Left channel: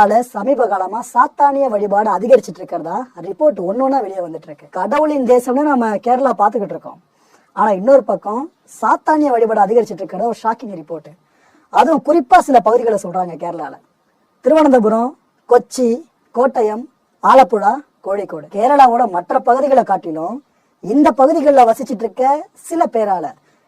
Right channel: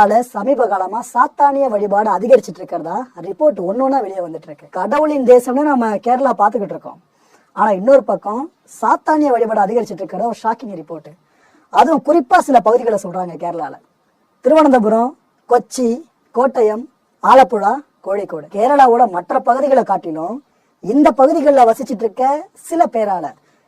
கேரளால சமீப காலமா சாத்தானிய வழிபாடு அதிகரிச்சுட்டு இருக்கிறதா ரிப்போர்ட் ஒன்னொன்னா வெளியே வந்துட்டு இருக்கு. கடவுளின் தேசம்னு நம்ம கேரளா பாத்துக்கிட்டு இருக்கோம். ஆனா இன்னொரு பக்கம் சாத்தானிய வழிபாடு அதிகரிச்சுட்டு இருக்கிறதா ஒரு ஷாக்கிங் ரிப்போர்ட். அதுவும் குறிப்பா சில பகுதிகளை சொல்றாங்க கேரளால. திருவனந்தபுரம், கொச்சி, கோட்டயம், ஆலப்புழா, கோழிக்கோடு. கேரளாவோட மற்ற பகுதிகளை காட்டிலும் இந்த பகுதிகளில் வசிச்சுட்டு இருக்க சில பேரால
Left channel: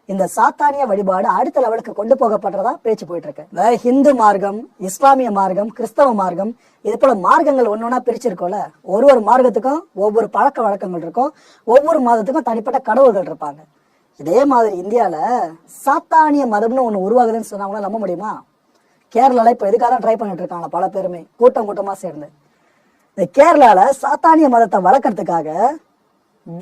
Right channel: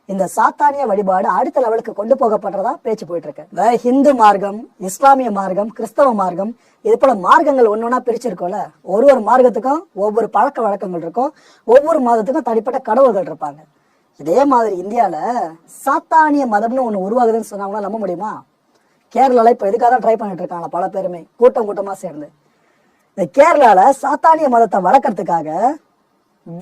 இந்த சாத்தானிய வழிபாடு அடுத்த லெவலுக்கு கொண்டு போகப்படுறதா பேச்சு போயிட்டு இருக்கு. இந்த ஹிந்து மார்க்கம், இஸ்லாமிய மார்க்கம், கிறிஸ்தவ மார்க்கம், இது போல மார்க்கங்கள் ஒன்னொன்னா பிரிச்சிருக்கோம்ல. ஒரு மார்க்கத்துக்கும் ஒவ்வொரு பழக்க வழக்கங்கள் இருக்கும், ஒவ்வொரு மாதத்துக்கும் தனிப்பட்ட கடவுள்கள் இருப்பாங்க. இதே மாதிரி இந்தியால சாத்தானிய மதம்னு ஒண்ணு உருவாகுதுன்னு சொன்னாங்கன்னா நம்ப முடியுமா? கேரளால இப்ப எதுக்காக தான் ட்ரை பண்ணிட்டு இருக்காங்க பல பேருமே கூட்டமா சேர்ந்து. இந்த கேரளால சாத்தானிய மதத்தை வளர்க்கறதுக்காக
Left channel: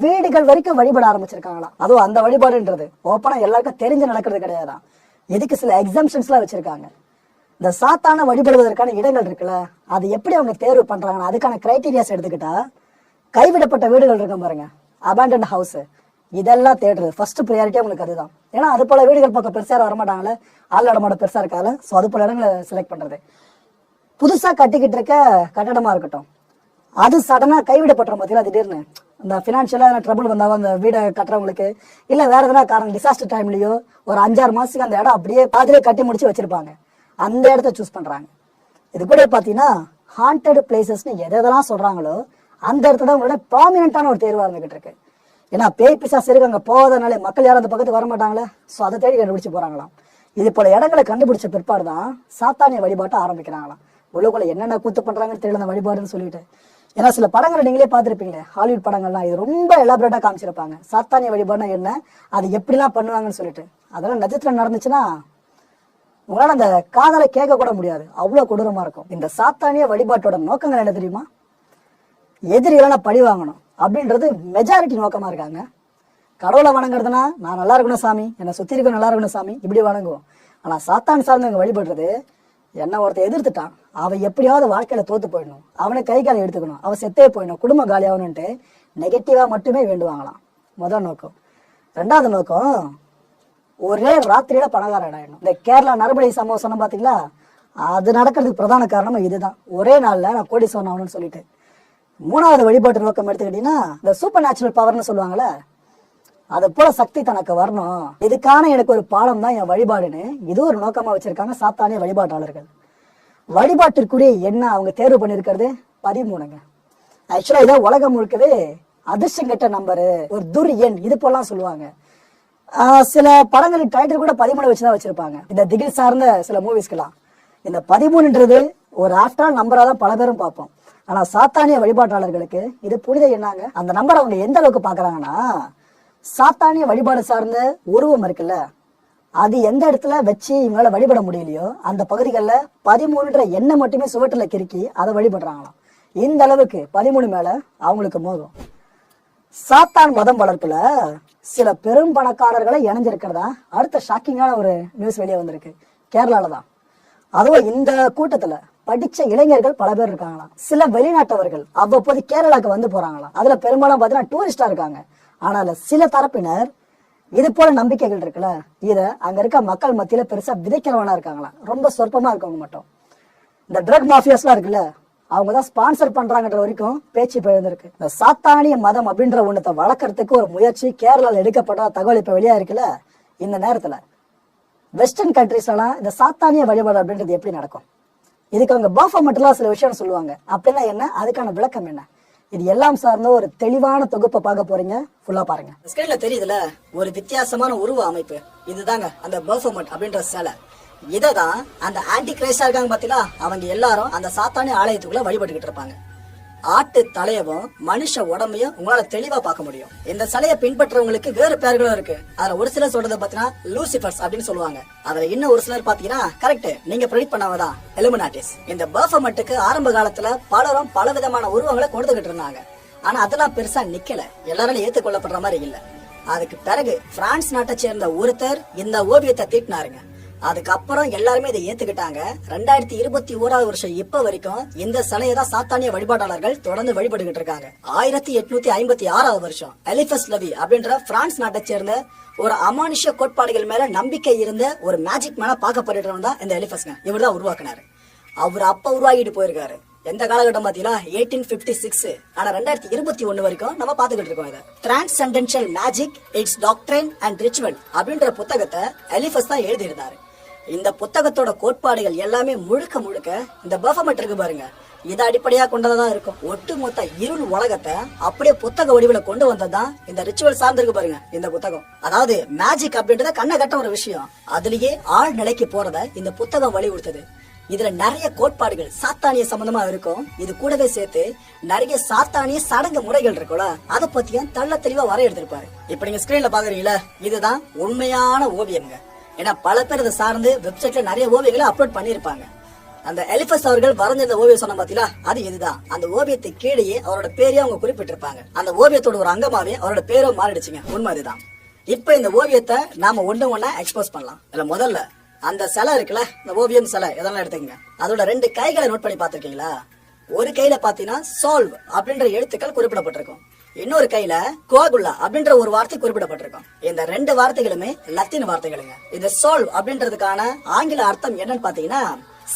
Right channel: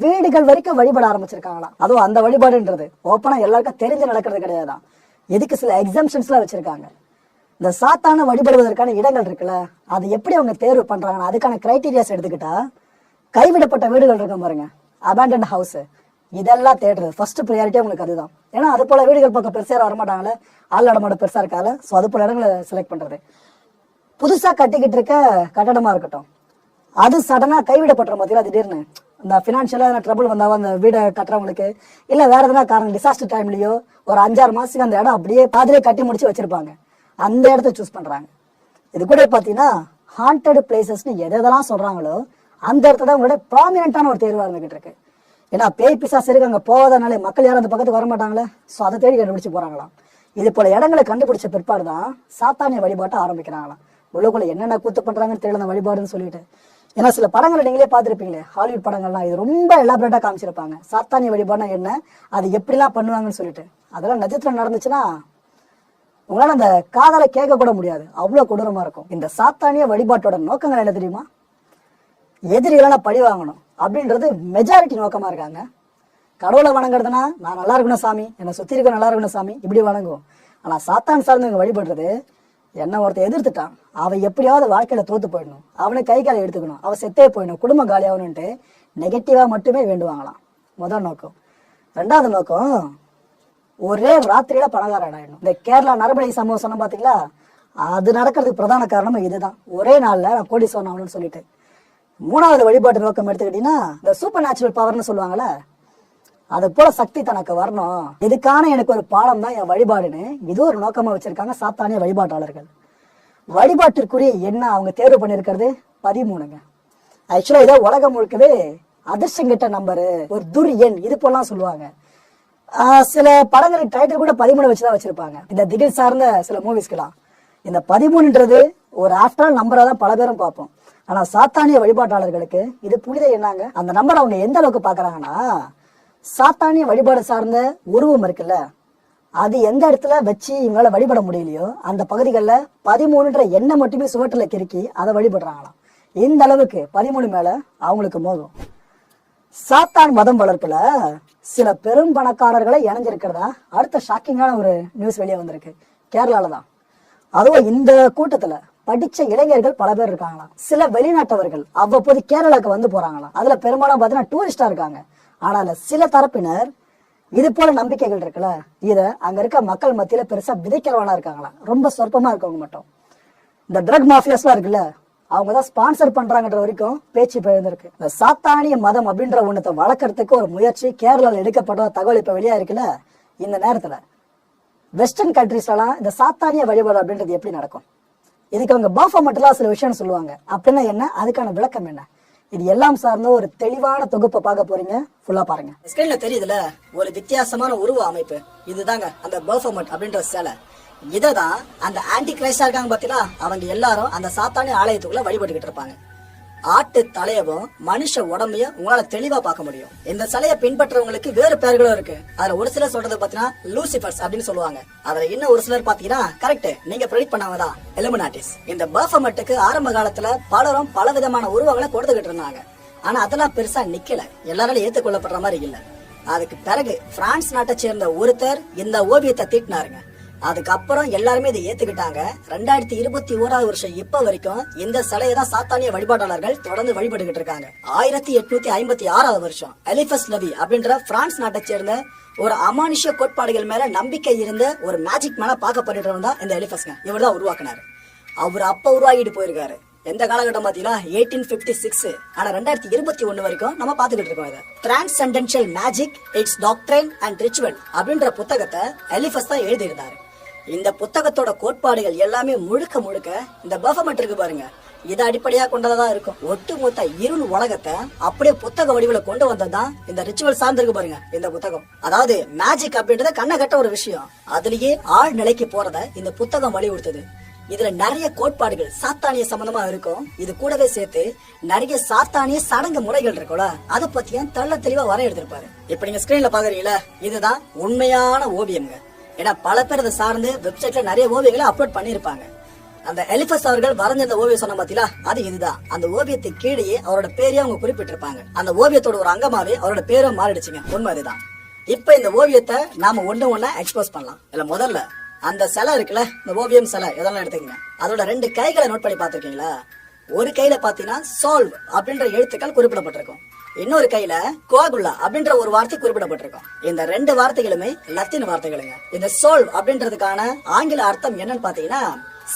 வீடுகள் வரைக்கும் வழிபட ஆரம்பிச்சிருக்காங்களாம். அதுவும் அந்த வழிபாடுன்றது ஓப்பனா எல்லாருக்கும் தெரிஞ்சு நடக்கிறது கிடையாதான். எதுக்கு சில எக்ஸாம்ஷன்ஸ் எல்லாம் வச்சிருக்காங்க. இந்த சாத்தான வழிபடுவதற்கான இடங்கள் இருக்குல்ல, அது எப்படி அவங்க தேர்வு பண்றாங்கன்னா அதுக்கான கிரைட்டீரியாஸ் எடுத்துக்கிட்டா, கைவிடப்பட்ட வீடுகள் இருக்கும் பாருங்க, அபேண்டன்ட் ஹவுஸ், இதெல்லாம் தேடுறது ஃபர்ஸ்ட் ப்ரையாரிட்டி அவங்களுக்கு அதுதான். ஏன்னா அது போல வீடுகள் பக்கம் பெருசா வரமாட்டாங்களே, ஆள் நடமாட பெருசா இருக்கால, ஸோ அது போல இடங்களை செலக்ட் பண்றது. புதுசா கட்டிக்கிட்டு இருக்க கட்டடமா இருக்கட்டும், அது சடனா கைவிடப்பட்டுரும் பார்த்தீங்களா, திடீர்னு இந்த பினான்சியலா ட்ரபிள் வந்தாலும் அந்த வீடை கட்டுறவங்களுக்கு இல்ல வேற எதாவது காரணம் டிசாஸ்டர் டைம்லயோ ஒரு 5-6 மாசத்துக்கு அந்த இடம் அப்படியே பாதிலே கட்டி முடிச்சு வச்சிருப்பாங்க. அந்த இடத்த சூஸ் பண்றாங்க. இது கூட பாத்தீங்கன்னா ஹாண்டட் பிளேசஸ்னு எதெல்லாம் சொல்றாங்களோ அந்த இடத்துல உங்களோட ப்ராமினென்டான ஒரு தேர்வா இருந்துகிட்டு இருக்கு. ஏன்னா பேய் பிசாசு இருக்கு அங்க போவதனாலே மக்கள் யாரும் அந்த பக்கத்துக்கு வர மாட்டாங்களே, ஸோ அதை தேடி கண்டுபிடிச்சு போறாங்களாம். இது போல இடங்களை கண்டுபிடிச்ச பிற்பாடுதான் சாத்தானிய வழிபாட்டை ஆரம்பிக்கிறாங்களாம். உள்ளுக்குள்ள என்னென்ன கூத்து பண்றாங்கன்னு தெரியல அந்த வழிபாடுன்னு சொல்லிட்டு. ஏன்னா சில படங்களை நீங்களே பார்த்துருப்பீங்களே, ஹாலிவுட் படங்கள்லாம் இது ரொம்ப எலாபரேட்டா காமிச்சிருப்பாங்க. சாத்தானிய வழிபாடுனா என்ன, அது எப்படிலாம் பண்ணுவாங்கன்னு சொல்லிட்டு. அதெல்லாம் நிஜத்துல நடந்துச்சுன்னா உங்களால அந்த காதலை கேட்க கூட முடியாது, அவ்வளவு கொடூரமா இருக்கும். இந்த சாத்தானிய வழிபாட்டோட நோக்கங்கள் என்ன தெரியுமா? எதிரிகளை பழி வாங்கணும் அப்படின்றது மெஜாரிட்டி நோக்கமா இருக்காங்க. கடவுளை வணங்குறதுனா நான் நல்லா இருக்கணும் சாமி, என்னை சுத்தி இருக்க நல்லா இருக்கணும் சாமி, இப்படி வணங்குவோம். ஆனா சாத்தான் சார்ந்தவங்க வழிபடுறது, என்ன ஒருத்தர் எதிர்த்துட்டான், அவன் எப்படியாவது வாழ்க்கையில தோத்து போயிடணும், அவனை கை காலை எடுத்துக்கணும், அவன் செத்தே போயிடணும், குடும்பம் காலியாகணும்ட்டு நெகட்டிவா மட்டுமே வேண்டுவாங்களாம். முதல் நோக்கம். ரெண்டாவது நோக்கம், ஒரே ராத்திரியில பணக்காரன் ஆயிடணும். இந்த கேரளா நரபலி சம்பவம் சொன்ன பாத்தீங்களா, அது நடக்கிறதுக்கு பிரதான காரணம் இதுதான். ஒரே நாள்ல நான் கோடீஸ்வரன் ஆகணும்னு சொல்லிட்டு. மூணாவது வழிபாட்டு நோக்கம் எடுத்துக்கிட்டீங்கன்னா, இந்த சூப்பர் நேச்சுரல் பவர்னு சொல்லுவாங்கல்ல, அது போல சக்தி தனக்கு வரணும், இதுக்கான எனக்கு ஒரு பாடம் தான் என் வழிபாடுன்னு இது ஒரு நோக்கமா வச்சிருக்காங்க சாத்தானிய வழிபாட்டாளர்கள். வழிபாட்டிற்குரிய என்ன அவங்க தேர்வு பண்ணிருக்கிறது 13ங்க. ஆக்சுவலா இது உலகம் முழுக்கவே அதிர்ஷ்டம் நம்பரு, ஒரு துர் எண், இது போலாம் சொல்லுவாங்க. சில படங்களின் டைட்டில் கூட 13 வச்சுதான் வச்சிருப்பாங்க. இந்த திகில் சார்ந்த சில மூவிஸ்க்கெல்லாம் இந்த 13ன்றது ஒரு ஆஃப்டர் நம்பரா தான் பல பேரும் பார்ப்போம். ஆனா சாத்தானிய வழிபாட்டாளர்களுக்கு இது புனித எண்ணாங்க. அந்த நம்பர் அவங்க எந்த அளவுக்கு பாக்குறாங்கன்னா, சாத்தானிய வழிபாடு சார்ந்த உருவம் இருக்குல்ல, அது எந்த இடத்துல வச்சு இவங்களால வழிபட முடியலையோ அந்த பகுதிகளில் 13ன்ற எண்ணெய் மட்டுமே சுவற்றுல கிறுக்கி அதை வழிபடுறாங்களாம். இந்த அளவுக்கு 13 மேல அவங்களுக்கு மோகம். சாத்தான் மதம் வளர்ப்புல சில பெரும் பணக்காரர்களை இணைஞ்சிருக்கிறதா அடுத்த ஷாக்கிங்கான ஒரு நியூஸ் வெளியே வந்திருக்கு. கேரளால தான். அதுவும் இந்த கூட்டத்துல படிச்ச இளைஞர்கள் பல பேர் இருக்காங்களாம். சில வெளிநாட்டவர்கள் அவ்வப்போது கேரளாக்கு வந்து போறாங்களாம். அதுல பெரும்பாலும் பாத்தீங்கன்னா டூரிஸ்டா இருக்காங்க. ஆனால சில தரப்பினர் இது போல நம்பிக்கைகள் இருக்குல்ல, இத அங்க இருக்க மக்கள் மத்தியில பெருசா விதைக்கிறவனா இருக்காங்களா, ரொம்ப சொற்பமா இருக்கவங்க மட்டும். இந்த ட்ரக் மாஃபியாஸ்லாம் இருக்குல்ல, அவங்கதான் ஸ்பான்சர் பண்றாங்கன்ற வரைக்கும் பேச்சு எழுந்திருக்கு. இந்த சாத்தானிய மதம் அப்படின்ற ஒண்ணத்தை வளர்க்கறதுக்கு ஒரு முயற்சி கேரளால எடுக்கப்பட்ட தகவல் இப்ப வெளியா இருக்குல்ல. இந்த நேரத்துல வெஸ்டர்ன் கண்ட்ரிஸ்லாம் இந்த சாத்தானிய வழிபாடு அப்படின்றது எப்படி நடக்கும், இதுக்கு அவங்க பர்ஃபார்மெண்ட்லாம் சில விஷயம் சொல்லுவாங்க. அப்படின்னா என்ன, அதுக்கான விளக்கம் என்ன, இது எல்லாம் சார்ந்த ஒரு தெளிவான தொகுப்பை பார்க்க போறீங்க. ஃபுல்லா பாருங்க. ஸ்கிரீன்ல தெரியுதுல ஒரு வித்தியாசமான உருவ அமைப்பு, இதுதாங்க அந்த பர்ஃபார்மெண்ட் அப்படின்ற சிலை. இததான் அந்த ஆன்டி கிரைஸ்டா இருக்காங்க பாத்தீங்களா, அவங்க எல்லாரும் அந்த சாத்தானிய ஆலயத்துக்குள்ள வழிபட்டுக்கிட்டு இருப்பாங்க. ஆட்டு தலையவும் மனுஷ உடம்பையும் உங்களால தெளிவா பார்க்க முடியும். இந்த சிலையை பின்பற்றவங்களுக்கு வேறு பெயர்களும் இருக்கு. அதுல ஒரு சிலர் சொல்றத பாத்தீங்கன்னா லூசிபர்ஸ் அப்படின்னு சொல்லுவாங்க. அதுல இன்னும் ஒரு சிலர் பாத்தீங்கன்னா கரெக்ட் நீங்க ப்ரெடிக்ட் பண்ணாதான் எலுமினாட்டிஸ். இந்த பர்ஃபார்மெண்ட்டுக்கு ஆரம்ப காலத்துல பலரும் பல விதமான உருவங்களை கொடுத்துக்கிட்டு இருந்தாங்க. ஆனா அதெல்லாம் பெருசா நிக்கல, எல்லாராலும் ஏற்றுக்கொள்ளப்படுற மாதிரி இல்ல. அதுக்கு பிறகு பிரான்ஸ் நாட்டை சேர்ந்த ஒருத்தர் இந்த ஓவியத்தை தீட்டினாருங்க. அதுக்கப்புறம் எல்லாருமே இதை ஏத்துக்கிட்டாங்க. 2021 வருஷம் இப்ப வரைக்கும் இந்த சிலையை தான் சாத்தானிய வழிபாட்டாளர்கள் தொடர்ந்து வழிபட்டுக்கிட்டு இருக்காங்க. 1856 வருஷம் எலிபஸ் லவி அப்படின்ற பிரான்ஸ் நாட்டை சேர்ந்த ஒரு அமானுஷ்ய கோட்பாடுகள் மேல நம்பிக்கை இருந்த ஒரு மேஜிக் மேன பார்க்கப்படுறவங்க தான் இந்த எலிபஸ்ங்க. இவர் தான் உருவாக்குனாரு. அவர் அப்ப உருவாகிட்டு போயிருக்காரு. எந்த காலகட்டம் பாத்தீங்களா? 1856. ஆனா 2021 வரைக்கும் நம்ம பாத்துக்கிட்டு இருக்கோம். இதை transcendental magic its doctrine and ritual அப்படின்ற புத்தகத்தை எலிஃபஸ் தான் எழுதியிருந்தாரு. இந்த புத்தகத்தோட கோட்பாடுகள் எல்லாமே முழுக்க முழுக்க இந்த பஃபமெட் இருக்கு பாருங்க, இதை அடிப்படையா கொண்டதான் இருக்கும். ஒட்டுமொத்த இருள் உலகத்தை அப்படியே புத்தக வடிவில கொண்டு வந்ததுதான் இந்த ரிச்சுவல் சார்ந்திருக்கு பாருங்க இந்த புத்தகம். அதாவது மேஜிக் அப்படின்றத கண்ண கட்ட ஒரு விஷயம், அதுலயே ஆழ் நிலைக்கு போறத இந்த புத்தகம் வலியுறுத்தது. இதுல நிறைய கோட்பாடுகள் சாத்தானிய சம்பந்தமா இருக்கும். இது கூடவே சேர்த்து நிறைய சாத்தானிய சடங்கு முறைகள் இருக்கும்ல, அதை பத்தியும் தெள்ள தெளிவா வர எடுத்திருப்பாரு. இப்ப நீங்க ஸ்கிரீன்ல பாக்குறீங்களா, இதுதான் உண்மையான ஓவியம்ங்க. ஏன்னா பல பேர் இதை சார்ந்து வெப்சைட்ல நிறைய ஓவியங்களை அப்லோட் பண்ணிருப்பாங்க. அந்த எலிஃபஸ் அவர்கள் வரைஞ்சிருந்த ஓவியம் சொன்ன பாத்தீங்களா, அது இதுதான். அந்த ஓவியத்துக்கு கீழே அவரோட பேரையே அவங்க குறிப்பிட்டிருப்பாங்க. அந்த ஓவியத்தோட ஒரு அங்கமாவே அவரோட பேரை மாறிடுச்சுங்க. உண்மை இதுதான். இப்ப இந்த ஓவியத்தை நாம ஒண்ணா எக்ஸ்போஸ் பண்ணலாம். இல்ல முதல்ல அந்த சிலை இருக்குல்ல, இந்த ஓவியம் சிலை எதெல்லாம் எடுத்துக்கங்க, அதோட 2 கைகளை நோட் பண்ணி பாத்திருக்கீங்களா? ஒரு கையில பாத்தீங்கன்னா சால்வ் அப்படின்ற எழுத்துக்கள் குறிப்பிடப்பட்டிருக்கும், இன்னொரு கையில கோகுல்லா அப்படின்ற ஒரு வார்த்தை குறிப்பிடப்பட்டிருக்கும். இந்த 2 வார்த்தைகளுமே லத்தீன் வார்த்தைகளுங்க. இந்த சால்வ் அப்படின்றதுக்கான ஆங்கில அர்த்தம் என்னன்னு பாத்தீங்கன்னா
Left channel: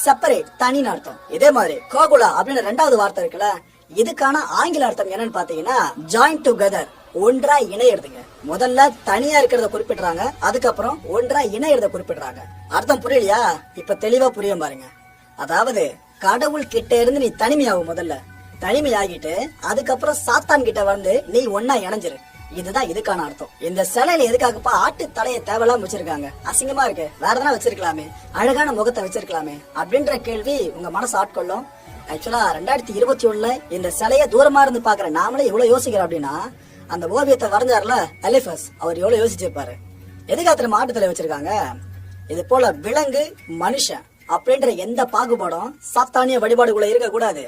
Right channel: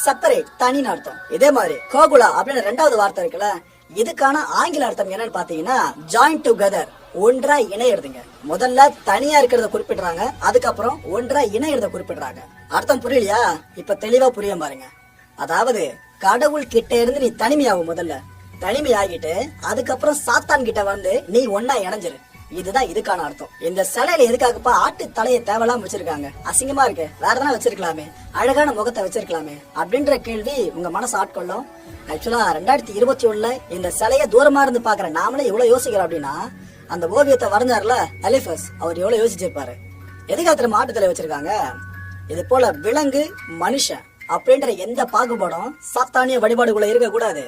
செப்பரேட், தனின்னு அர்த்தம். இதே மாதிரி கோகுலா அப்படின்ற 2வது வார்த்தை இருக்குல்ல, இதுக்கான ஆங்கில அர்த்தம் என்னன்னு பாத்தீங்கன்னா ஜாயின் டுகெதர், ஒன்றா இணையறதுங்க. முதல்ல தனியா இருக்கிறத குறிப்பிடுறாங்க, அதுக்கப்புறம் ஒன்றா இணையறத குறிப்பிடுறாங்க. அர்த்தம் புரியலையா? இப்ப தெளிவா புரியும் பாருங்க. அதாவது கடவுள் கிட்ட இருந்து நீ தனிமையாகும், முதல்ல தனிமையாகிட்டு அதுக்கப்புறம் சாத்தான் கிட்ட வந்து நீ ஒன்னா இணைஞ்சிரு. இதுதான் இதுக்கான அர்த்தம். இந்த சிலையில எதுக்காகப்பா ஆட்டு தலையை தேவையில்லாம வச்சிருக்காங்க? அசிங்கமா இருக்கு, வேற எதனா வச்சிருக்கலாமே, அழகான முகத்தை வச்சிருக்கலாமே அப்படின்ற கேள்வி உங்க மனசு ஆட்கொள்ளும். ஆக்சுவலா 2021 இந்த சிலைய தூரமா இருந்து பாக்குற நாமளே இவ்வளவு யோசிக்கிறோம் அப்படின்னா, அந்த ஓவியத்தை வரைஞ்சாருல எலிஃபஸ், அவர் எவ்வளவு யோசிச்சிருப்பாரு. எதுக்காக ஆட்டு தலை வச்சிருக்காங்க? இது போல விலங்கு மனுஷன் அப்படின்ற எந்த பாகுபாடும் சாத்தானிய வழிபாடுக்குள்ள இருக்க கூடாது.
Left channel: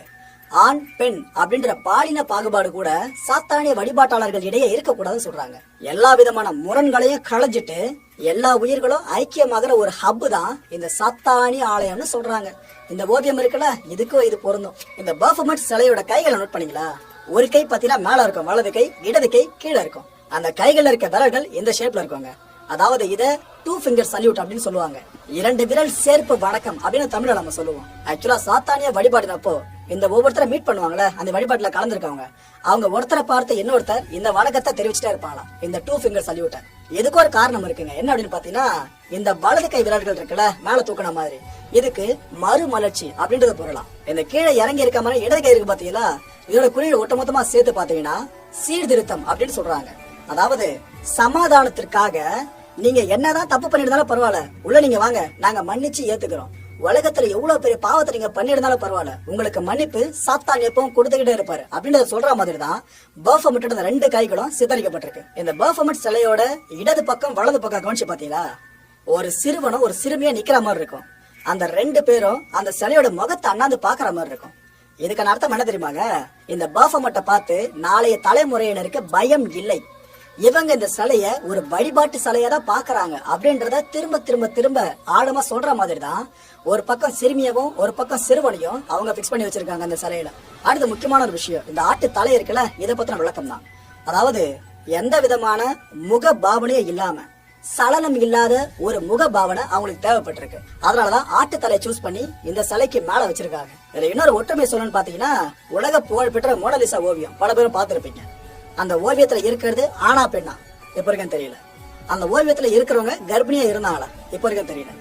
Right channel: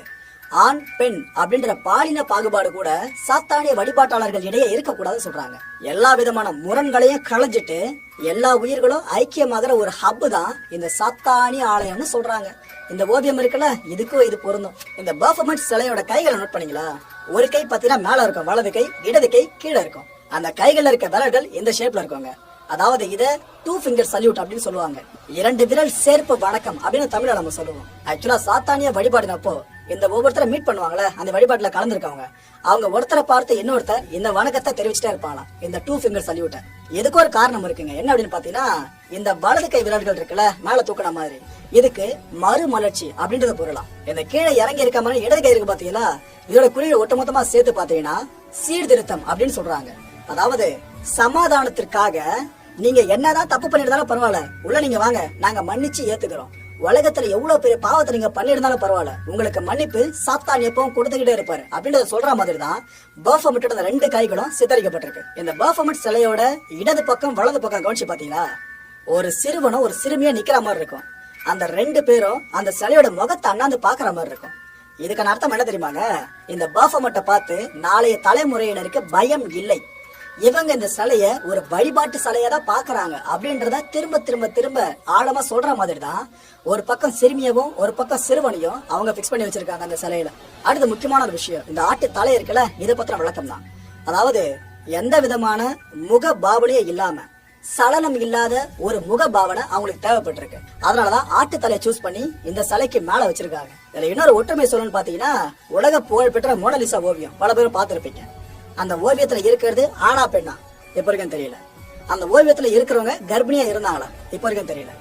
ஆண் பெண் அப்படின்ற பாலின பாகுபாடு கூட சாத்தானிய வழிபாட்டாளர்கள் இடையே இருக்கக்கூடாதுன்னு சொல்றாங்க. எல்லா விதமான முரண்களையும் களைஞ்சிட்டு எல்லா உயிர்களும் ஐக்கியமாகிற ஒரு ஹப்பு தான் இந்த சாத்தானிய ஆலயம்னு சொல்றாங்க. இந்த ஓவியம் இருக்குல்ல, இதுக்கும் இது பொருந்தும். இந்த பஃபமெட் சிலையோட கைகளை நோட் பண்ணீங்களா? ஒரு கை பாத்தீங்கன்னா மேல இருக்கும், வலது கை, இடது கை கீழே இருக்கும். அந்த கைகள் இருக்க விரல்கள் இந்த ஷேப்ல இருக்குங்க. அதாவது இத 2 ஃபிங்கர் சல்யூட் அப்படின்னு சொல்லுவாங்க. 2 விரல் சேர்ப்பு வணக்கம் அப்படின்னு தமிழ்ல நம்ம சொல்லுவோம். ஆக்சுவலா சாத்தானிய வழிபாடுனப்போ இந்த ஒவ்வொருத்தரை மீட் பண்ணுவாங்களே, அந்த வழிபாட்டுல கலந்துருக்காங்க, அவங்க ஒருத்தரை பார்த்து இன்னொருத்தர் இந்த வணக்கத்தை தெரிவிச்சுட்டே இருப்பாங்க, இந்த 2 ஃபிங்கர் சல்யூட். எதுக்கு ஒரு காரணம் இருக்குங்க. என்ன அப்படின்னு பாத்தீங்கன்னா, இந்த வலது கை விரல்கள் இருக்குல்ல, மேல தூக்கின மாதிரி, இதுக்கு மறுமலர்ச்சி அப்படின்றது பொருளாம். இந்த கீழே இறங்கி இருக்க மாதிரி இடது கை இருக்கு பாத்தீங்களா, இதோட குறியீடு ஒட்டுமொத்தமா சேர்த்து பாத்தீங்கன்னா சீர்திருத்தம் அப்படின்னு சொல்றாங்க. அதாவது சமாதானத்திற்காக நீங்க என்னதான் தப்பு பண்ணிருந்தாலும் பரவாயில்ல, உள்ள நீங்க வாங்க, நாங்க மன்னிச்சு ஏத்துக்கிறோம். உலகத்துல எவ்வளவு பெரிய பாவத்தை நீங்க பண்ணிருந்தாலும் பரவாயில்ல, உங்களுக்கு மன்னிப்பு சாத்தான் எப்பவும் கொடுத்துக்கிட்டே இருப்பாரு அப்படின்றத சொல்ற மாதிரி தான் பஃபமெட்டோட 2 கைகளும் சித்தரிக்கப்பட்டிருக்கு. இந்த பஃபமெட் சிலையோட இடது பக்கம் வலது பக்கம் கவனிச்சு பாத்தீங்களா, ஒரு சிறுவனும் ஒரு சிறுமியா நிக்கிற மாதிரி இருக்கும். அந்த 2 பேரும் அந்த சிலையோட முகத்தை அண்ணாந்து பாக்குற மாதிரி இருக்கும். இதுக்கான அர்த்தம் என்ன தெரியுமாங்க? இந்த பஃபமெட்டை பார்த்து நாளைய தலைமுறையினருக்கு பயம் இல்லை, இவங்க இந்த சிலைய ஒரு வழிபாட்டு சிலையா தான் பாக்குறாங்க அப்படின்றத திரும்ப திரும்ப திரும்ப ஆழமா சொல்ற மாதிரி தான் ஒரு பக்கம் சிறுமியவும் ஒரு பக்கம் சிறுவனையும் அவங்க பிக்ஸ் பண்ணி வச்சிருக்காங்க அந்த சிலையில. அடுத்து முக்கியமான ஒரு விஷயம், இந்த ஆட்டு தலை இருக்குல்ல, இதை பத்தின விளக்கம் தான். அதாவது எந்த விதமான முக பாவனையும் இல்லாம சலனம் இல்லாத ஒரு முக பாவனை அவங்களுக்கு தேவைப்பட்டிருக்கு. அதனாலதான் ஆட்டு தலையை சூஸ் பண்ணி இந்த சிலைக்கு மேல வச்சிருக்காங்க. இதுல இன்னொரு ஒற்றுமை சொல்லணும்னு பாத்தீங்கன்னா, உலக புகழ்பெற்ற மோனலிசா ஓவியம் பல பேரும் பார்த்திருப்பீங்க. அந்த ஓவியத்துல இருக்கிறது ஆனா பெண்ணா இப்ப வரைக்கும் தெரியல. அந்த ஓவியத்துல இருக்கிறவங்க கர்ப்பிணியா இருந்தாங்களா இப்ப வரைக்கும் தெரியல.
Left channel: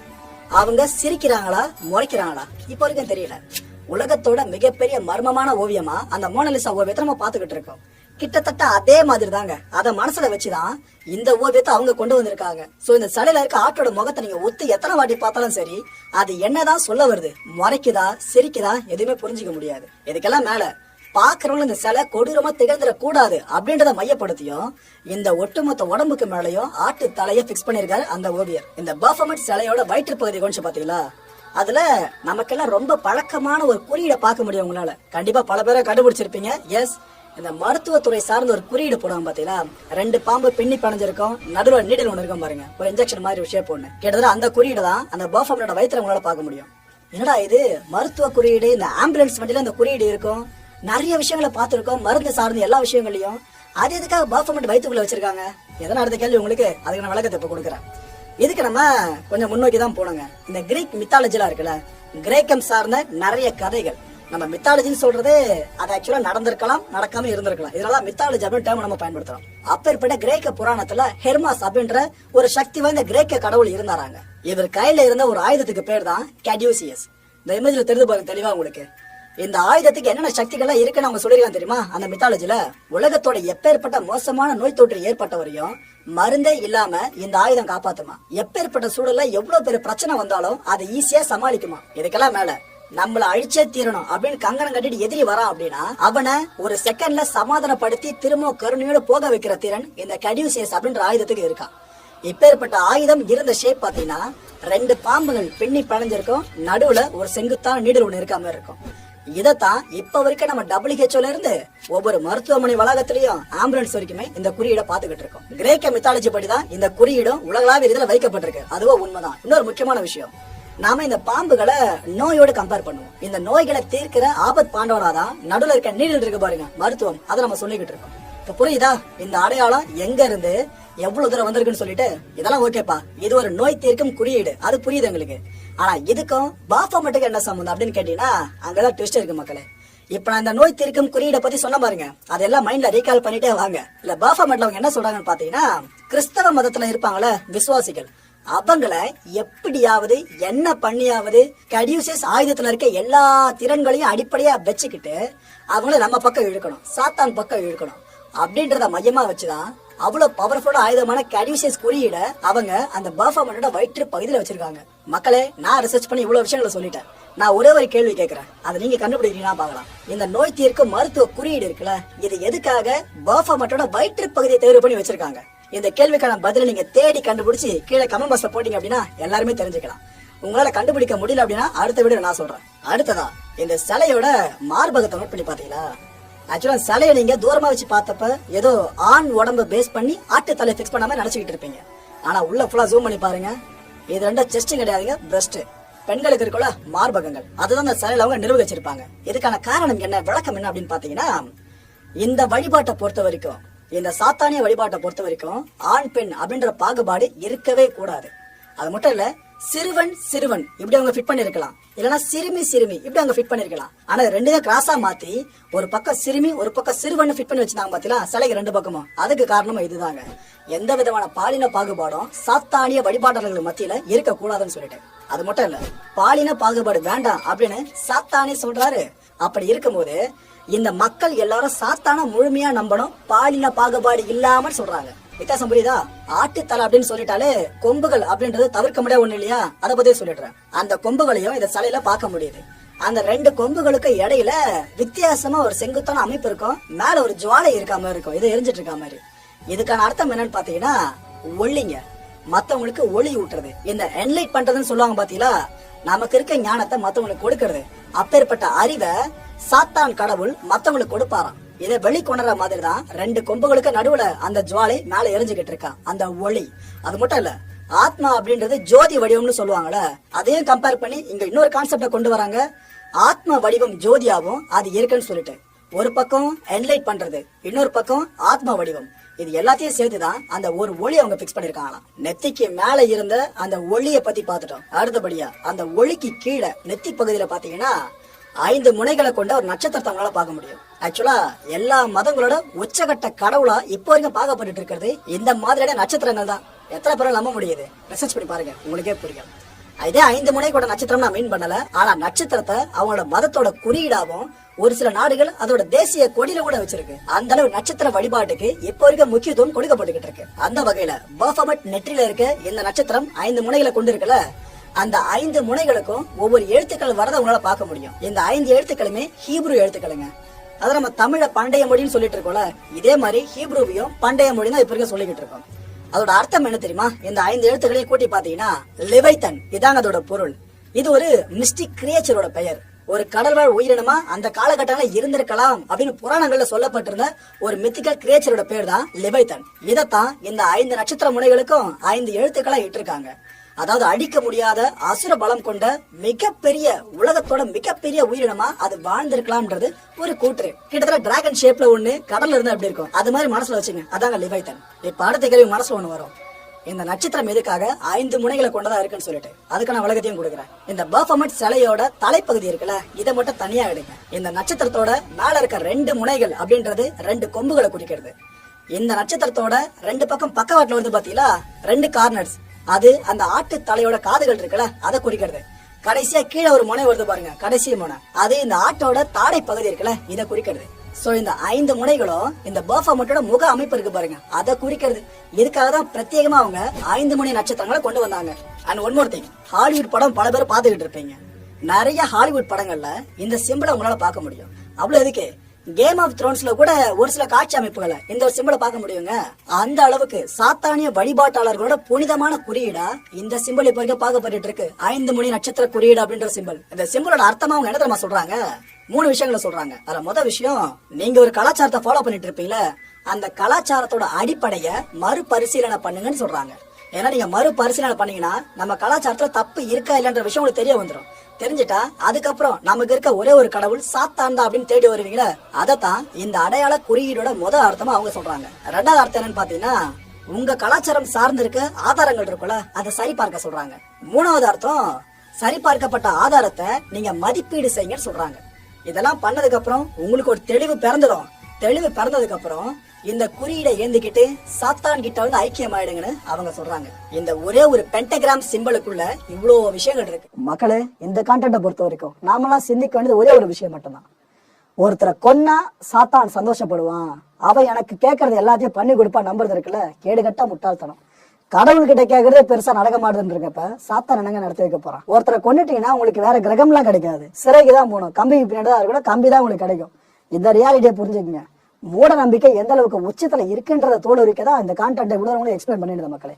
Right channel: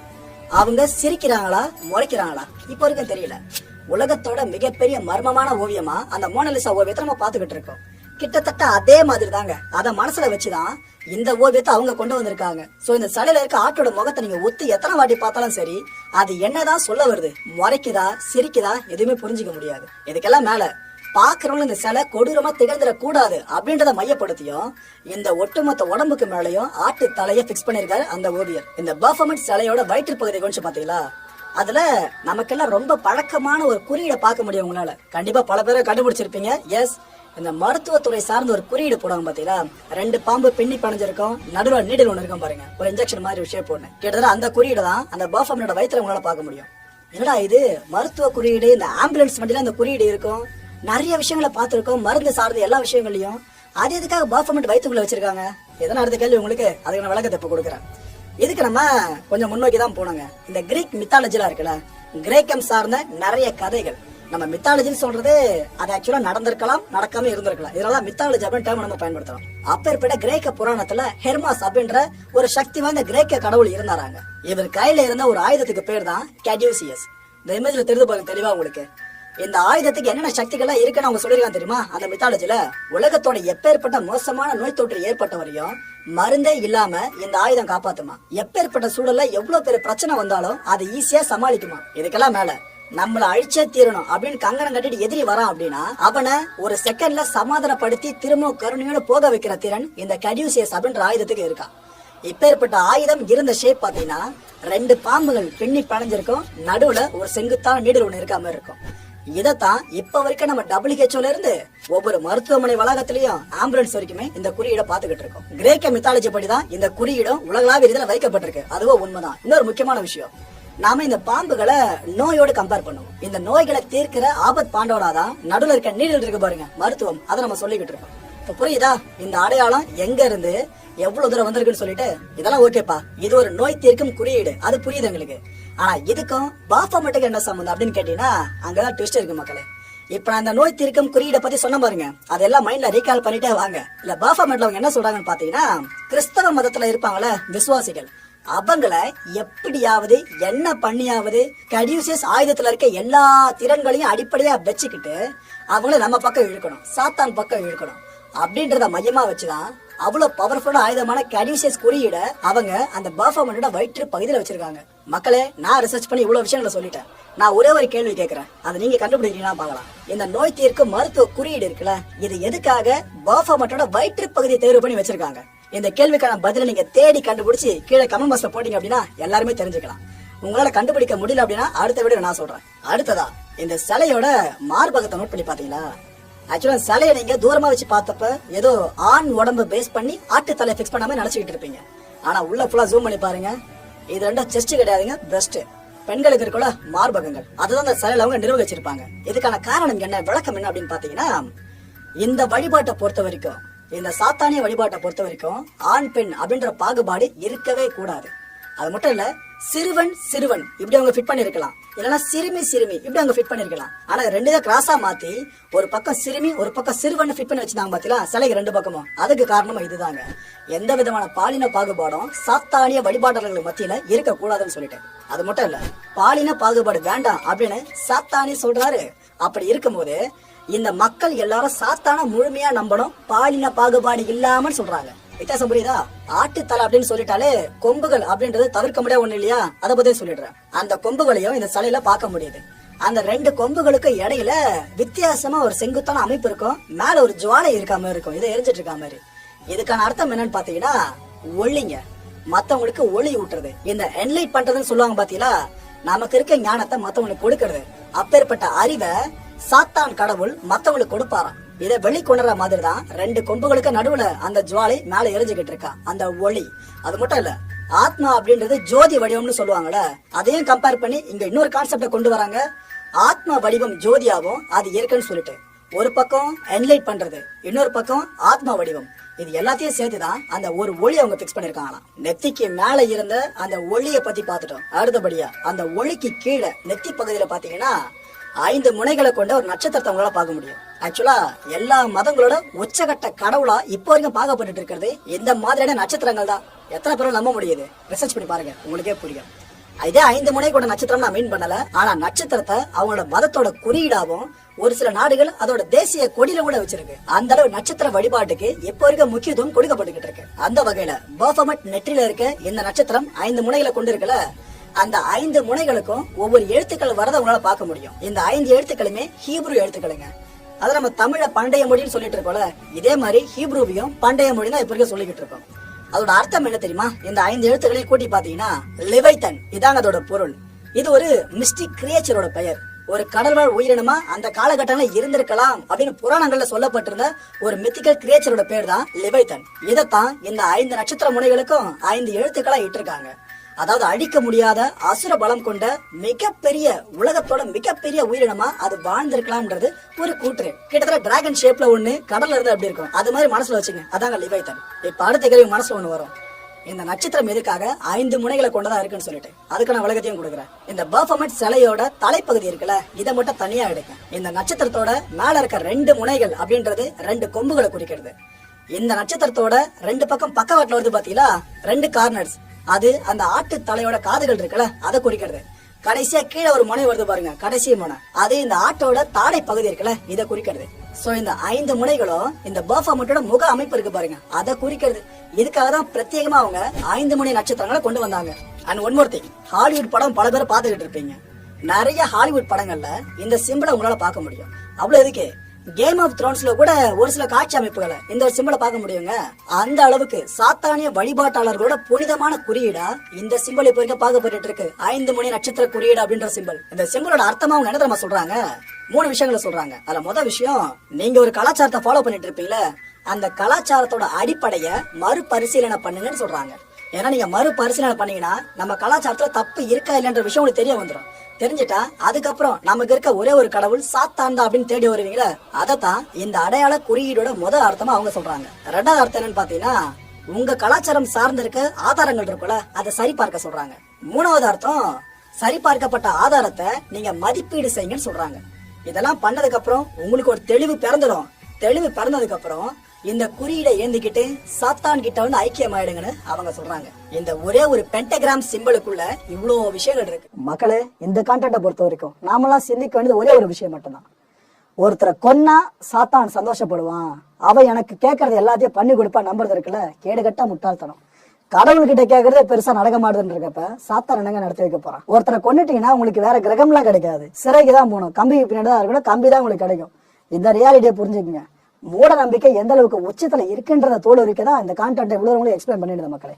அவங்க சிரிக்கிறாங்களா முறைக்கிறாங்களா இப்ப வரைக்கும் தெரியல. உலகத்தோட மிகப்பெரிய மர்மமான ஓவியமா அந்த மோனலிசா ஓவியத்தை நம்ம பாத்துக்கிட்டு இருக்கோம். கிட்டத்தட்ட அதே மாதிரி தாங்க, அத மனசுல வச்சுதான் இந்த ஓவியத்தை அவங்க கொண்டு வந்திருக்காங்க. சோ இந்த சிலையில இருக்க ஆட்டோட முகத்தை நீங்க ஒத்து எத்தனை வாட்டி பார்த்தாலும் சரி, அது என்னதான் சொல்ல வருது, முறைக்குதா சிரிக்குதா எதுவுமே புரிஞ்சுக்க முடியாது. இதுக்கெல்லாம் மேல பாக்குறவங்க இந்த சிலை கொடூரமா திகழ்ந்துட கூடாது அப்படின்றத மையப்படுத்தியும் இந்த ஒட்டுமொத்த உடம்புக்கு மேலயும் ஆட்டு தலைய பிக்ஸ் பண்ணிருக்காரு அந்த ஓவியர். இந்த பஃபமெட் சிலையோட வயிற்று பகுதியை கொஞ்சம் பாத்தீங்களா, அதுல நமக்கெல்லாம் ரொம்ப பழக்கமான ஒரு குறியீடை பார்க்க முடியும் உங்களால. கண்டிப்பா பல பேரை கண்டுபிடிச்சிருப்பீங்க. எஸ், இந்த மருத்துவத்துறை சார்ந்த ஒரு குறியீடு போடுவாங்க பாத்தீங்களா, 2 பாம்பு பின்னி பணிஞ்சிருக்கும், நடுவில் நீடில் ஒண்ணு இருக்கும் பாருங்க, ஒரு இன்ஜெக்ஷன் மாதிரி ஒரு ஷேப் ஒண்ணு. கிட்டத்தட்ட அந்த குறியீடு தான் அந்த பஃபமெட்டோட வயிற்றுல உங்களால பார்க்க முடியும். என்னடா இது மருத்துவ குறியீடு, இந்த ஆம்புலன்ஸ் வண்டியில இந்த குறியீடு இருக்கும், நிறைய விஷயங்களை பார்த்திருக்கோம், மருந்து சார்ந்த எல்லா விஷயங்களையும். அது எதுக்காக பஃபமெட் வயிற்றுக்குள்ள வச்சிருக்காங்க? எதனா அடுத்த கேள்வி உங்களுக்கு, அதுக்கு நான் விளக்கத்தை இப்ப கொடுக்குறேன். இதுக்கு நம்ம கொஞ்சம் முன்னோக்கி தான் போனோங்க. இந்த கிரீக் மித்தாலஜிலாம் இருக்குல்ல, கிரேக்கம் சார்ந்த நிறைய கதைகள். நம்ம மித்தாலஜின்னு சொல்றது அது ஆக்சுவலா நடந்திருக்கலாம், நடக்காம இருந்திருக்கலாம். இதனால மித்தாலஜி அப்படின்னு டேர்ம் நம்ம பயன்படுத்துறோம். அப்பேற்பட்ட கிரேக்க புராணத்துல ஹெர்மாஸ் அப்படின்ற ஒரு சக்தி வாய்ந்த கிரேக்க கடவுள் இருந்தாராங்க. இவர் கையில இருந்த ஒரு ஆயுதத்துக்கு பேர் தான் கேடியூசியஸ். இந்த இமேஜ்ல தெரிந்து பாருங்க தெளிவா உங்களுக்கு. இந்த ஆயுதத்துக்கு என்னென்ன சக்திகள் இருக்குன்னு அவங்க சொல்லிருக்காங்க தெரியுமா? அந்த மித்தாலஜில உலகத்தோட எப்பேற்பட்ட மோசமான நோய் தொற்று ஏற்பட்ட வரையும் மருந்தே இல்லாம இந்த ஆயுதம் காப்பாத்துமா. எப்பேற்பட்ட சூழல்ல எவ்வளவு பெரிய பிரச்சனை வந்தாலும் அதை ஈஸியா சமாளிக்குமா. இதுக்கெல்லாம் மேல நம்மள அழிச்சே தீரணும் அப்படின்னு கங்கணம் கட்டிட்டு எதிரி வரான் அப்படின்னா அவனை ஒரு செகண்ட்ல சமாதானப்படுத்தி திரும்ப கருணையோட போக வைக்கிற திறன் இந்த கேடியூசியஸ் அப்படின்ற ஆயுதத்துக்கு இருக்கான். இப்பேற்பட்ட ஆயுதம் இருந்த ஷேப் பாத்தீங்கன்னா 2 பாம்புகள் பின்னி பழஞ்சிருக்கும், நடுவுல ஒரு செங்குத்தான நீடல் ஒண்ணு இருக்க மாதிரி இருக்கும். இதத்தான் இப்ப வரைக்கும் நம்ம WHO இருந்து ஒவ்வொரு மருத்துவமனை வளாகத்திலயும் ஆம்புலன்ஸ் வரைக்குமே இந்த குறியீடை பாத்துக்கிட்டு இருக்கோம். கிரேக்க மித்தாலஜி படிதான் இந்த குறியீடும் உலகளாவிய ரீதியில வைக்கப்பட்டிருக்கு. அதுவும் உண்மைதான். இன்னொரு முக்கியமான விஷயம், நாம இந்த பாம்புகளை நோயோட கம்பேர் பண்ணுவோம். இந்த நோய்களை தீர்க்கிற ஆபத் பாண்டவராதான் நடுவில் இருக்க நீடல் இருக்கு பாருங்க, மருத்துவம். அதை நம்ம சொல்லிக்கிட்டு இருக்கோம். இப்ப புரியுதா இந்த அடையாளம் எங்க இருந்து எவ்வளவு தூரம் வந்திருக்குன்னு சொல்லிட்டு? இதெல்லாம் ஓகேப்பா, இது ஒரு நோய் தீர்க்கும் குறியீடு, அது புரியுது எங்களுக்கு. ஆனா இதுக்கும் பாஃபமெட்டுக்கு என்ன சம்பந்தம் அப்படின்னு கேட்டீங்கன்னா அங்கதான் ட்விஸ்ட் இருக்கு மக்களே. இப்ப நான் இந்த நோய் தீர்க்கும் குறியீடை பத்தி சொன்ன பாருங்க, அதெல்லாம் மைண்ட்ல ரீகால் பண்ணிட்டே வாங்க. இல்ல பாஃபமெட்ல அவங்க என்ன சொல்றாங்கன்னு பாத்தீங்கன்னா, கிறிஸ்தவ மதத்துல இருப்பாங்களே விசுவாசிகள், அவங்கள எப்படியாவது என்ன பண்ணியாவது கேடியூசியஸ் ஆயுதத்துல இருக்க எல்லா திறன்களையும் அடிப்படையா வச்சுக்கிட்டு அவங்கள நம்ம பக்கம் இழுக்கணும், சாத்தான் பக்கம் இழுக்கணும் அப்படின்றத மையமா வச்சுதான் அவ்வளவு பவர்ஃபுல்லா ஆயுதமான கேடியூசியஸ் குறியீட அவங்க அந்த பர்ஃபார்மனோட வயிற்று பகுதியில வச்சிருக்காங்க. மக்களே, நான் ரிசர்ச் பண்ணி இவ்வளவு விஷயங்களை சொல்லிட்டேன். நான் ஒரே ஒரு கேள்வி கேட்கிறேன், அதை நீங்க கண்டுபிடிக்கிறீங்களா பார்க்கலாம். இந்த நோய் தீர்க்கும் மருத்துவ குறியீடு இருக்குல்ல, இது எதுக்காக பர்ஃபார்மனோட வயிற்று பகுதியை தேர்வு பண்ணி வச்சிருக்காங்க? இந்த கேள்விக்கான பதில நீங்க தேடி கண்டுபிடிச்சு கீழே கமெண்ட் பாக்ஸ்ல போட்டீங்க அப்படின்னா எல்லாருமே தெரிஞ்சுக்கலாம். உங்களால கண்டுபிடிக்க முடியல அப்படின்னா அடுத்த வீடியோ நான் சொல்றேன். அடுத்ததா இந்த சிலையோட மார்பகத்தை நோட் பண்ணி பாத்தீங்களா? ஆக்சுவலா சிலையை நீங்க தூரமா வச்சு பார்த்தப்ப ஏதோ ஆண் உடம்ப பேஸ் பண்ணி ஆட்டு தலையை பிக்ஸ் பண்ணாம நினைச்சுக்கிட்டு இருப்பீங்க. ஆனா உள்ள ஃபுல்லா ஜூம் பண்ணி பாருங்க, இது ரெண்டும் செஸ்ட் கிடையாதுங்க, பிரஸ்ட். பெண்களுக்கு இருக்கல மார்பகங்கள், அதுதான் இந்த சிலையில அவங்க நிர்வகிச்சிருப்பாங்க. இதுக்கான காரணம் என்ன, விளக்கம் என்ன அப்படின்னு பாத்தீங்கன்னா, இந்த வழிபாட்டை பொறுத்த வரைக்கும், இந்த சாத்தானிய வழிபாட்டை பொறுத்த வரைக்கும் ஆண் பெண் அப்படின்ற பாகுபாடு இருக்கவே கூடாது. அது மட்டும் இல்ல, சிறுவன் சிறுவன் இப்படி அவங்க ஃபிட் பண்ணிருக்கலாம், இல்லனா சிறுமி சிறுமி இப்படி அவங்க ஃபிட் பண்ணிருக்கலாம். ஆனா 2 தான் கிராஸா மாத்தி ஒரு பக்கம் சிறுமி ஒரு பக்கம் சிறுவன் ஃபிட் பண்ணி வச்சிருந்தாங்க பாத்தீங்களா, சிலைக்கு 2 பக்கமும். அதுக்கு காரணமா இதுதாங்க. எந்த விதமான பாலின பாகுபாடும் சாத்தானிய வழிபாட்டாளர்கள் மத்தியில இருக்க கூடாதுன்னு சொல்லிட்டு. அது மட்டும் இல்ல, பாலின பாகுபாடு வேண்டாம் அப்படின்னு சாத்தானி சொல்றாரு. அப்படி இருக்கும்போது இந்த மக்கள் எல்லாரும் சாத்தான முழுமையா நம்பணும், பாலின பாகுபாடு இல்லாம சொல்றாங்க. வித்தியாசம் புரியுதா? ஆட்டுத்தலை அப்படின்னு சொல்லிட்டாலே கொம்புகள் அப்படின்றத தவிர்க்க முடியாது ஒண்ணு இல்லையா? அதை பத்தி சொல்லிடுறேன். அந்த கொம்புகளையும் இந்த சிலையில பார்க்க முடியுது. அந்த 2 கொம்புகளுக்கு இடையில வித்தியாசமா ஒரு செங்குத்தான அமைப்பு இருக்கும், மேல ஒரு ஜுவாலை இருக்காம இருக்கும், இதை எரிஞ்சிட்டு இருக்க மாதிரி. இதுக்கான அர்த்தம் என்னன்னு பாத்தீங்கன்னா, ஒளிங்க, மத்தவங்களுக்கு ஒளி ஊட்டுறது. இந்த என்லைட் பண்றதுன்னு சொல்லுவாங்க பாத்தீங்களா, நமக்கு இருக்க ஞானத்தை மத்தவங்களுக்கு கொடுக்கறது. அப்பேற்பட்ட அறிவை சாத்தான் கடவுள் மத்தவங்களுக்கு கொடுப்பாராம். இதை வெளிக்கொணர்ற மாதிரி தான் 2 கொம்புகளுக்கு நடுவுல அந்த ஜுவாலை மேல எரிஞ்சுக்கிட்டு இருக்கா, அந்த ஒளி. அது மட்டும் இல்ல, ஆத்மா அப்படின்றது ஜோதி வடிவம்னு சொல்லுவாங்கல்ல, அதையும் கம்பேர் பண்ணி இங்க இன்னொரு கான்செப்ட கொண்டு வராங்க. ஆத்ம வடிவம் ஜோதியாவும் அது இருக்குன்னு சொல்லிட்டு, ஒரு பக்கம் என்லைட் பண்றது, இன்னொரு பக்கம் ஆத்மா வடிவம். இது எல்லாத்தையும் சேர்த்துதான் அந்த ஒரு ஒளி அவங்க பிக்ஸ் பண்ணிருக்காங்களாம். நெத்திக்கு மேல இருந்த அந்த ஒளியை பத்தி பாத்துட்டோம். அடுத்தபடியா அந்த ஒளிக்கு கீழே நெத்தி பகுதியில பாத்தீங்கன்னா 5 முனைகளை கொண்ட ஒரு நட்சத்திரத்தை உங்களால பார்க்க முடியும். ஆக்சுவலா எல்லா மதங்களோட உச்சகட்ட கடவுளா இப்போ வரைக்கும் பார்க்கப்பட்டு இருக்கிறது இந்த மாதிரியான நட்சத்திரங்கள் தான். எத்தனை பேரும் நம்ப முடியுது? ரிசர்ச் பண்ணி பாருங்க, உங்களுக்கே புரியும். இதே 5 முனை கொண்ட நட்சத்திரம் நான் மீன் பண்ணல, ஆனா நட்சத்திரத்தை அவங்களோட மதத்தோட குறியீடாவும் ஒரு சில நாடுகள் அதோட தேசிய கொடியில கூட வச்சிருக்கு. அந்த அளவு நட்சத்திர வழிபாட்டுக்கு இப்போ வரைக்கும் முக்கியத்துவம் கொடுக்கப்பட்டு இருக்கு. அந்த வகையில பர்ஃபாமட் நெற்றில இருக்க இந்த நட்சத்திரம் 5 முனைகளை கொண்டு இருக்கல, அந்த 5 முனைகளுக்கும் ஒவ்வொரு எழுத்துக்கள் வரதை உங்களால பார்க்க முடியும். இந்த 5 எழுத்துக்களுமே ஹீப்ரு எழுத்துக்களுங்க. அத நம்ம தமிழ பண்டைய மொழின்னு சொல்லிட்டு இருக்கோம்ல, இதே மாதிரி ஹீப்ருவையும் பண்டைய மொழி தான் இப்ப வரைக்கும் சொல்லிக்கிட்டு இருக்கோம். அதோட அர்த்தம் என்ன தெரியுமா? இந்த 5 எழுத்துக்களையும் கூட்டி பாத்தீங்கன்னா லெவைத்தன், இதாங்க அதோட பொருள். இது ஒரு மிஸ்டிக் கிரியேச்சரோட பெயர். ஒரு கடல்வாழ் உயிரினமா அந்த காலகட்டத்துல இருந்திருக்கலாம் அப்படின்னு புராணங்கள்ல சொல்லப்பட்டிருந்த ஒரு மித்திக்கல் கிரியேச்சரோட பேர் தான் லெவைத்தன். இதத்தான் இந்த 5 நட்சத்திர முனைகளுக்கும் 5 எழுத்துக்களா இட்டிருக்காங்க. அதாவது அடிக்க முடியாத அசுர பலம் கொண்ட மிகப்பெரிய, உலகத்தோட மிகப்பெரிய உயிரினமா அது வாழ்ந்திருக்கலாம்ன்றது ஒரு கூற்று. கிட்டத்தட்ட டிராகன் ஷேப்ல ஒண்ணு கடல்ல இருந்து அப்படி இருக்கும், அது மாதிரி மனசுல வச்சுங்க, அதாங்க லெவைத்தன். இப்ப அடுத்த கேள்வி மனசுல ஒண்ணு வரும், இந்த நட்சத்திரம் எதுக்காக 5 முனைகளை கொண்டதா இருக்குன்னு சொல்லிட்டு அதுக்கான விளக்கத்தையும் கொடுக்குறேன். இந்த பர்ஃபாமெட் சிலையோட தலைப்பகுதி இருக்குல்ல, இதை மட்டும் தனியா எடுங்க. இந்த நட்சத்திரத்தோட மேல இருக்க 2 முனைகள் அப்படின்றது 2 கொம்புகளை குறிக்கிறது. இந்த நட்சத்திரத்தோட 2 பக்கம் பக்கவாட்டுல வருது பாத்தீங்களா, 2 கார்னர்ஸ், அது அந்த ஆட்டு தலையோட காதுகள் இருக்குல்ல, அதை குறிக்கிறது. கடைசியா கீழே ஒரு முனை வருது பாருங்க, கடைசி முனை, அது இந்த ஆட்டோட தாடை பகுதி இருக்குல்ல, இதை குறிக்கிறது. சோ இந்த 5 முனைகளும் இந்த பர்ஃபாமெட்டோட முக அமைப்பு இருக்கு பாருங்க, அதை குறிக்கிறது. இதுக்காக தான் பிரத்யேகமா அவங்க 5 முனை நட்சத்திரங்களை கொண்டு வந்தாங்க. And one more thing, Hollywood படம் பல பேர் பாத்துக்கிட்டு இருப்பீங்க. நிறைய ஹாலிவுட் படங்கள்ல இந்த சிம்பிளை உங்களால பார்க்க முடியும். அவ்வளவு எதுக்கு, கேம் ஆஃப் த்ரோன்ஸ்ல கூட ஒரு சில காட்சி அமைப்புகளை இந்த ஒரு சிம்பிளை பார்க்க முடியுங்க. அந்த அளவுக்கு சாத்தானிய வழிபாட்டாளர்களோட புனிதமான குறியீடா இந்த சிம்பிள் இப்ப இருக்க பார்க்கப்பட்டு இருக்கு, 5 முனை நட்சத்திர குறியீடு அப்படின்ற சிம்பிள். இந்த சிம்பிளோட அர்த்தமா அவங்க என்ன தெரியுமா சொல்றாங்க, 3 விஷயங்களை சொல்றாங்க. அதுல முதல் விஷயம், நீங்க ஒரு கலாச்சாரத்தை ஃபாலோ பண்ணிட்டு இருப்பீங்களா, அந்த கலாச்சாரத்தோட அடிப்படைய மறுபரிசீலனை பண்ணுங்கன்னு சொல்றாங்க. ஏன்னா நீங்க மறுபரிசீலனை பண்ணீங்கன்னா நம்ம கலாச்சாரத்துல தப்பு இருக்கா இல்லைன்ற விஷயம் உங்களுக்கு தெரிய வந்துடும். தெரிஞ்சிட்டா அதுக்கப்புறம் நமக்கு இருக்க ஒரே ஒரு கடவுள் சாத்தான் தான் அப்படின்னு தேடி வருவீங்களா, அதத்தான் இந்த அடையாள குறியீடோட முதல் அர்த்தமா அவங்க சொல்றாங்க. 2வது அர்த்தம் என்னன்னு பாத்தீங்கன்னா, உங்க கலாச்சாரம் சார்ந்து இருக்க ஆதாரங்கள் இருக்குல்ல, அதை சரி பார்க்க சொல்றாங்க. 3வது அர்த்தம், சரிபார்க்கப்பட்ட ஆதாரத்தை நீங்க மதிப்பீடு செய்யுங்கன்னு சொல்றாங்க. இதெல்லாம் பண்ணதுக்கு அப்புறம் உங்களுக்கு ஒரு தெளிவு பிறந்துடும். தெளிவு பிறந்ததுக்கு அப்புறம் இந்த குறியீடை ஏந்திக்கிட்டு சாத்தான் கிட்ட வந்து ஐக்கியமாயிடுங்கன்னு அவங்க சொல்றாங்க. இந்த ஒரே ஒரு பென்டகிராம் சிம்பிளுக்குள்ள இவ்வளவு விஷயங்கள் இருக்கு. மக்களே, இந்த கான்டென்ட்டை பொறுத்த வரைக்கும் நாமெல்லாம் சிந்திக்க வேண்டியது ஒரே ஒரு விஷயம் மட்டும்தான். ஒருத்தரை கொன்னா சாத்தான் சந்தோஷப்படுவான், அவ எனக்கு கேட்கறது எல்லாத்தையும் பண்ணி கொடுப்பா நம்புறது இருக்குல்ல, கேடுகட்டா முட்டாள்தனம். கடவுள்கிட்ட கேட்கறதே பெருசா நடக்க மாட்டேன்றப்ப சாத்தான் என்னங்க நடத்தி வைக்க போறான். ஒருத்தரை கொண்டுட்டீங்கன்னா உங்களுக்கு வேற கிரகம் எல்லாம் கிடைக்காது, சிறைக்கு தான் போகணும், கம்பிக்கு பின்னாடி தான் இருக்கணும், கம்பி தான் உங்களுக்கு கிடைக்கும். இந்த ரியாலிட்டியை புரிஞ்சுக்குங்க. மூட நம்பிக்கை எந்த அளவுக்கு உச்சத்துல இருக்குன்றத தோல் இருக்கதான் இந்த கான்டென்ட் இவ்வளவு எக்ஸ்பிளைன் பண்ணிடுது மக்களே.